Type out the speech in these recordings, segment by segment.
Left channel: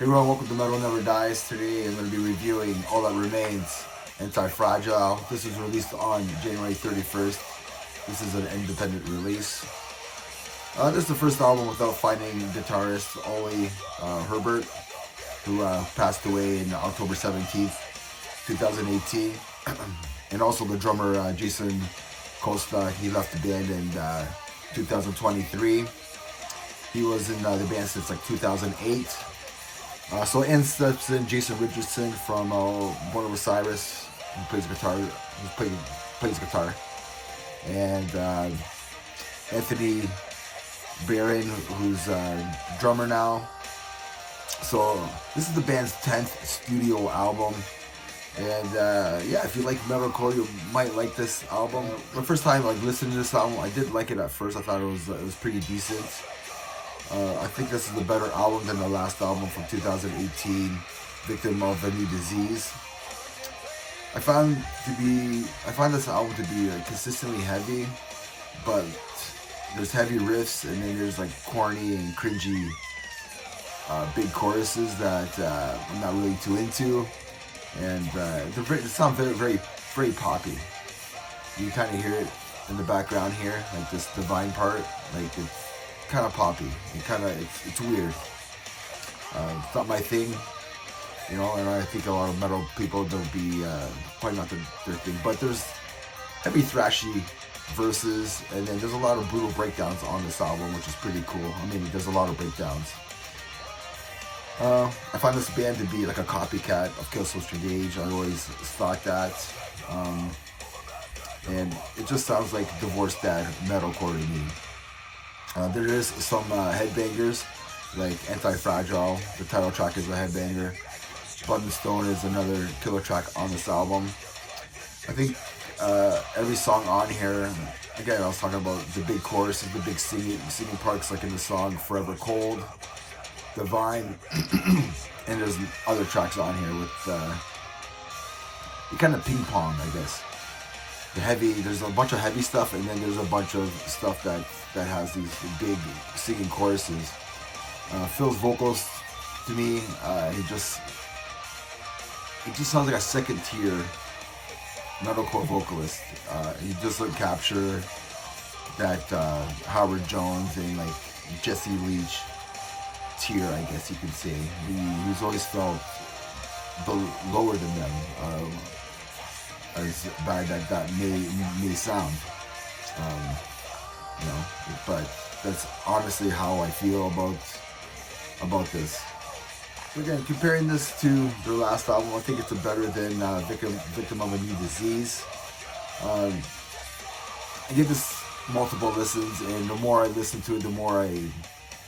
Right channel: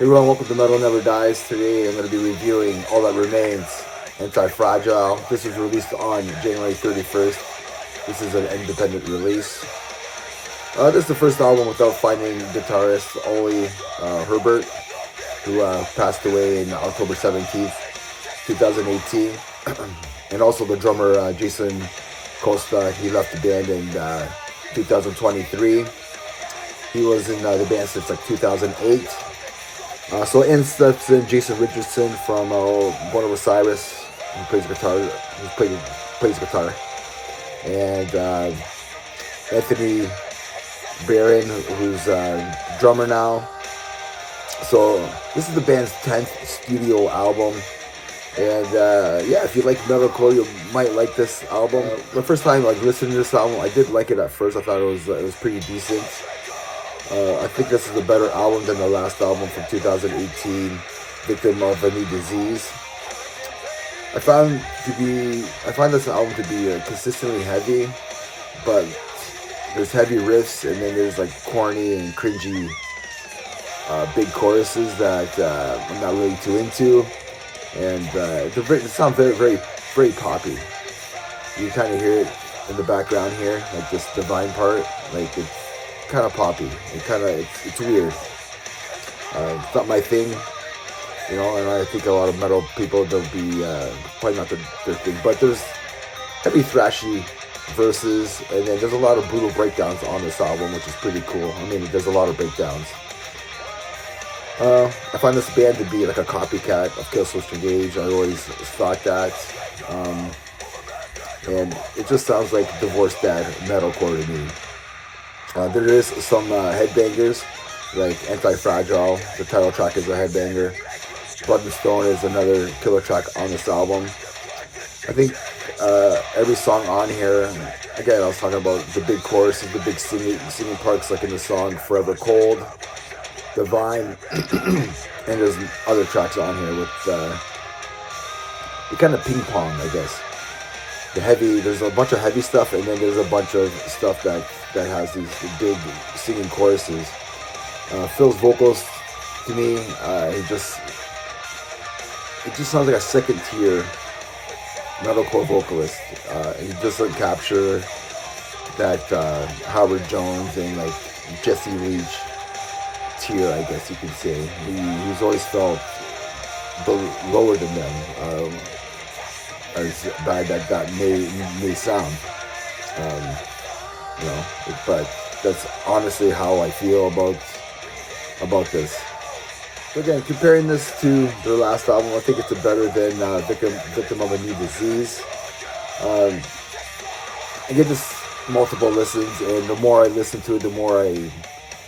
Hey everyone, welcome to Metal Never Dies. Today I'm going to be reviewing All That Remains, Antifragile. This was released on January 31st. This is an independent release. This is the first album without finding guitarist Ollie Herbert, who passed away in October 17th, 2018. And also the drummer Jason Costa, he left the band in 2023. He was in the band since like 2008. So in steps in Jason Richardson from Born of Osiris, who plays guitar. Plays guitar, and Anthony Barron, who's drummer now. So this is the band's 10th studio album, and yeah, if you like metalcore, you might like this album. The first time listening to this album, I did like it at first. I thought it was pretty decent. I think this is a better album than the last album from 2018, Victim of a New Disease. I find this album to be consistently heavy, but there's heavy riffs and then there's like corny and cringy big choruses that I'm not really too into, and they sound very poppy. You kind of hear it in the background here, like this divine part, like it's kind of poppy. It's weird. It's not my thing, and I think a lot of metal people, they'll be probably not their thing. But there's heavy thrashy verses, and then there's a lot of brutal breakdowns on this album, which is pretty cool. I mean, there's a lot of breakdowns. I find this band to be like a copycat of Killswitch Engage. I always thought that. And it just sounds like Divorced Dad metalcore to me. There is some headbangers, like Antifragile. The title track is a headbanger. Blood and Stone is another killer track on this album. I think every song on here, again, I was talking about the big choruses, the big singing parts, like in the song Forever Cold, Divine, and there's other tracks on here with it kind of ping pong, I guess. There's a bunch of heavy stuff, and then there's a bunch of stuff that has these big singing choruses. Phil's vocals, to me, it just sounds like a second tier metalcore vocalist. He doesn't capture that Howard Jones and like Jesse Leach tier, I guess you could say. He's always felt lower than them. As bad that may sound, but that's honestly how I feel about this. So again, comparing this to their last album, I think it's better than Victim of a New Disease. I give this multiple listens, and the more I listen to it, the more I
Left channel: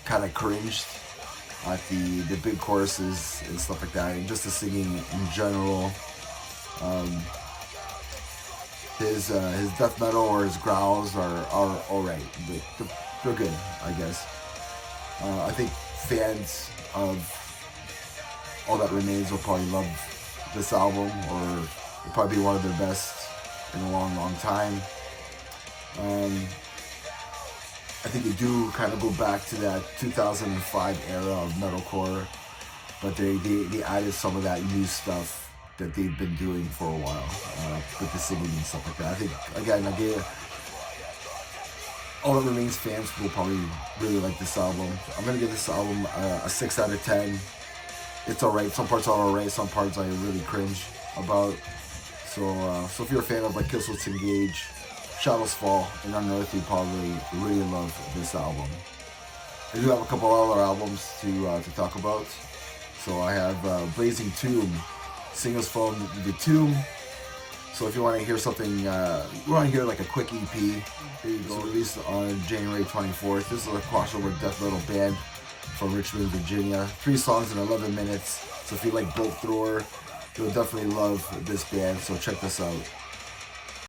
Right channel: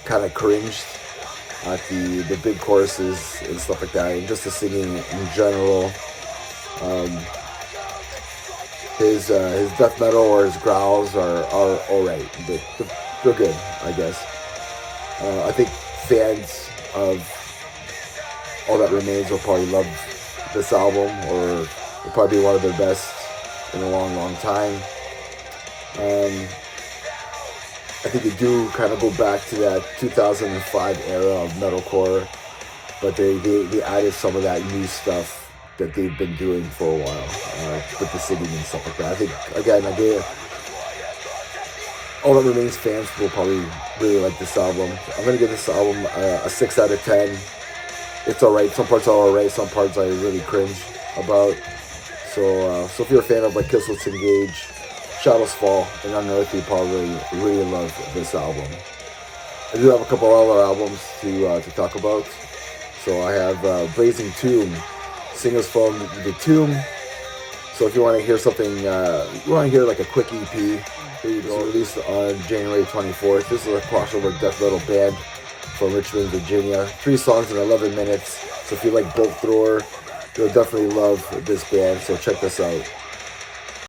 kind of cringed at the big choruses and stuff like that, and just the singing in general. His death metal or his growls are alright, but they're good, I guess. I think fans of All That Remains will probably love this album, or it'll probably be one of their best in a long time. I think they do kind of go back to that 2005 era of metalcore, but they added some of that new stuff that they've been doing for a while, with the singing and stuff like that. I think, again, All That Remains fans will probably really like this album. I'm going to give this album a 6 out of 10. It's alright. Some parts are alright. Some parts I really cringe about. So if you're a fan of like Killswitch Engage, Shadows Fall, and Unearth, you probably really love this album. I do have a couple other albums to talk about. So I have Blazing Tomb, singles from The Tomb. So if you want to hear something, you want to hear like a quick EP, here you go. Released on January 24th. This is a crossover death metal band from Richmond, Virginia. 3 songs in 11 minutes. So if you like Bolt Thrower, you'll definitely love this band. So check this out.